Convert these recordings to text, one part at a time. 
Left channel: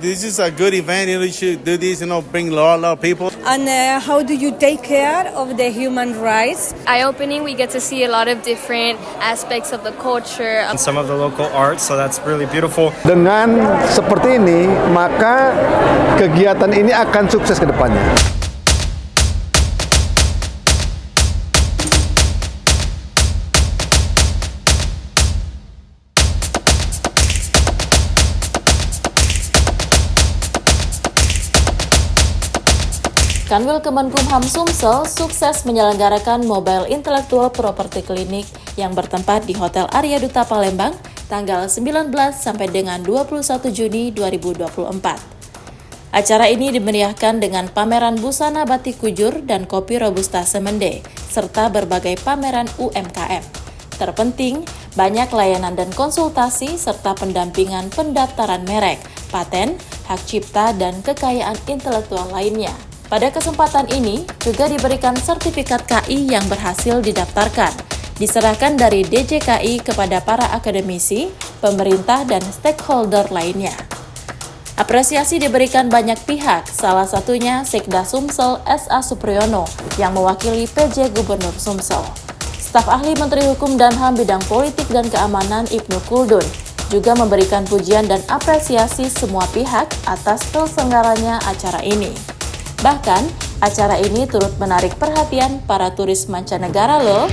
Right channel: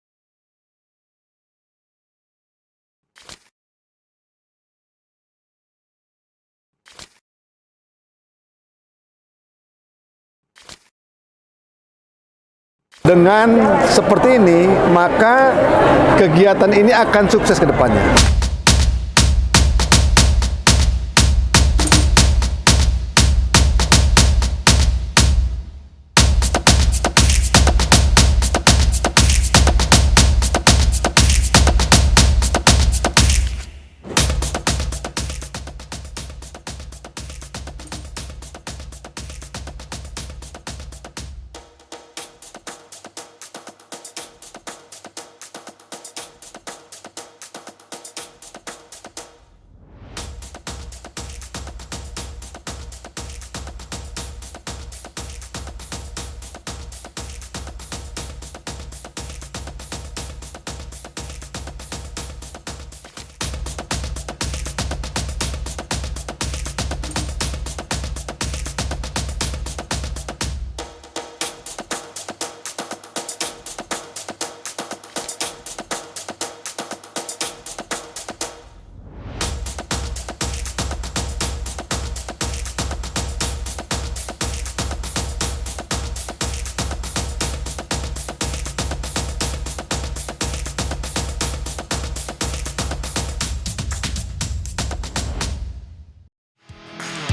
This is a good event. You should do this. Bring a lot of people. And how do you take care of the human rights? Eye-opening, we get to see a lot of different aspects of the culture. And some of the local art, so that's really beautiful. Dengan seperti ini, maka kegiatan ini akan sukses ke depannya. Kanwil Kemenkumham Sumsel sukses menyelenggarakan Mobile Intellectual Property Clinic yang bertempat di Hotel Arya Duta Palembang tanggal 19 sampai dengan 21 Juni 2024. Acara ini dimeriahkan dengan pameran busana batik kujur dan kopi Robusta Semende, serta berbagai pameran UMKM. Terpenting, banyak layanan dan konsultasi serta pendampingan pendaftaran merek, paten, hak cipta, dan kekayaan intelektual lainnya. Pada kesempatan ini, juga diberikan sertifikat KI yang berhasil didaftarkan, diserahkan dari DJKI kepada para akademisi, pemerintah, dan stakeholder lainnya. Apresiasi diberikan banyak pihak, salah satunya Sekda Sumsel S.A. Supriyono yang mewakili PJ Gubernur Sumsel. Staf ahli Menteri Hukum dan HAM bidang politik dan keamanan Ibnu Kuldun juga memberikan pujian dan apresiasi semua pihak atas terselenggaranya acara ini. Bahkan, acara ini turut menarik perhatian para turis mancanegara loh.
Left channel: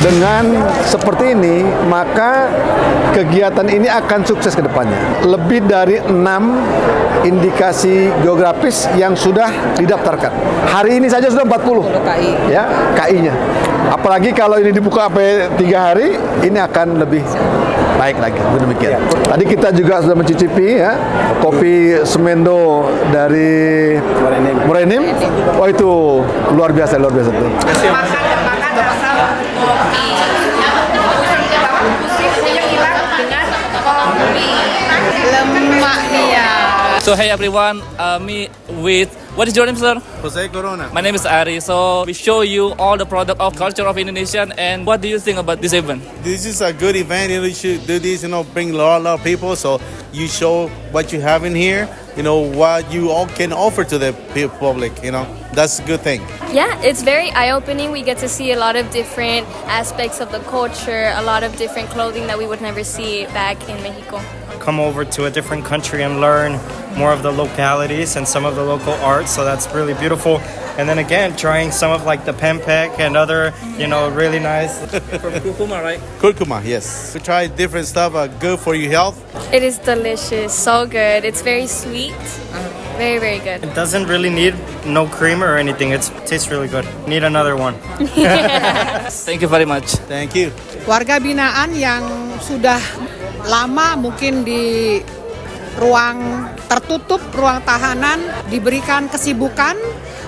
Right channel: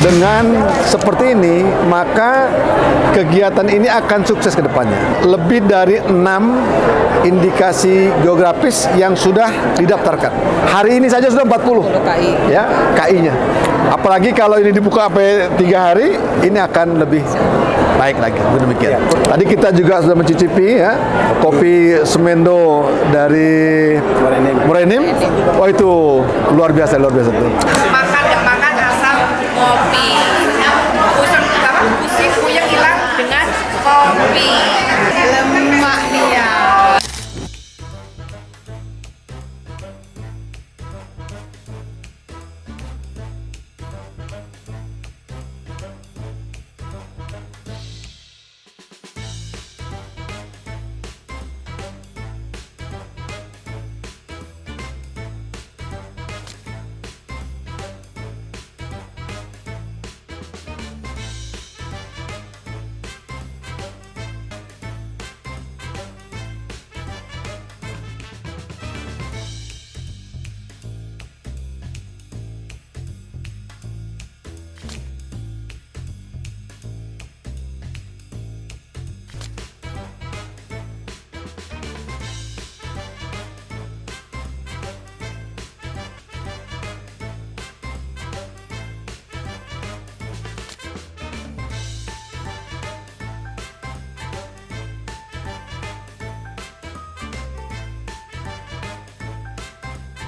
Dengan seperti ini, maka kegiatan ini akan sukses ke depannya. Lebih dari 6 indikasi geografis yang sudah didaftarkan. Hari ini saja sudah 40 KI. Ya, KI-nya. Apalagi kalau ini dibuka sampai 3 hari, ini akan lebih baik lagi. Demikian. Tadi kita juga sudah mencicipi ya kopi Semendo dari Morenim. Oh itu luar biasa tuh. Makan asal kopi. Pusing puyeng hilang dengan kopi. Lemak dia. So hey everyone, me with, what is your name, sir? Jose Corona. My name is Ari. So we show you all the product of culture of Indonesian, and what do you think about this event? This is a good event. You should do this. Bring a lot of people. So you show what you have in here. What you all can offer to the public. That's a good thing. Yeah, it's very eye-opening. We get to see a lot of different aspects of the culture, a lot of different clothing that we would never see back in Mexico. Come over to a different country and learn more of the localities and some of the local art, so that's really beautiful. And then again, trying some of like the pempek and other, really nice. From Kurkuma, right? Kurkuma, yes. We try different stuff, good for your health. It is delicious, so good. It's very sweet, very, very good. It doesn't really need no cream or anything. It tastes really good. Need another one. Thank you very much. Thank you. Warga binaan yang sudah lama mungkin di ruang tertutup, ruang tahanan, diberikan kesibukan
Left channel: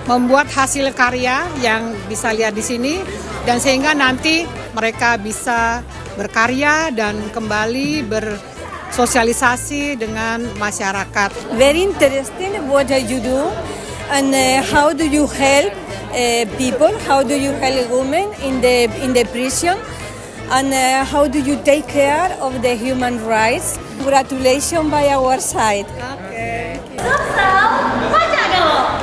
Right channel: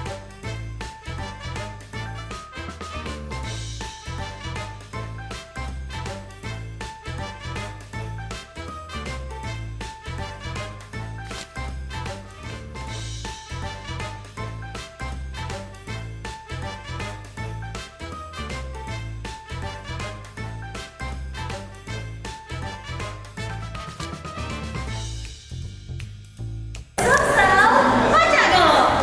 membuat hasil karya yang bisa lihat di sini, dan sehingga nanti mereka bisa berkarya dan kembali bersosialisasi dengan masyarakat. Very interesting what you do and how do you help people, how do you help women in the prison, and how do you take care of the human rights. Congratulations by our side. Okay. Sumsel, Pajano!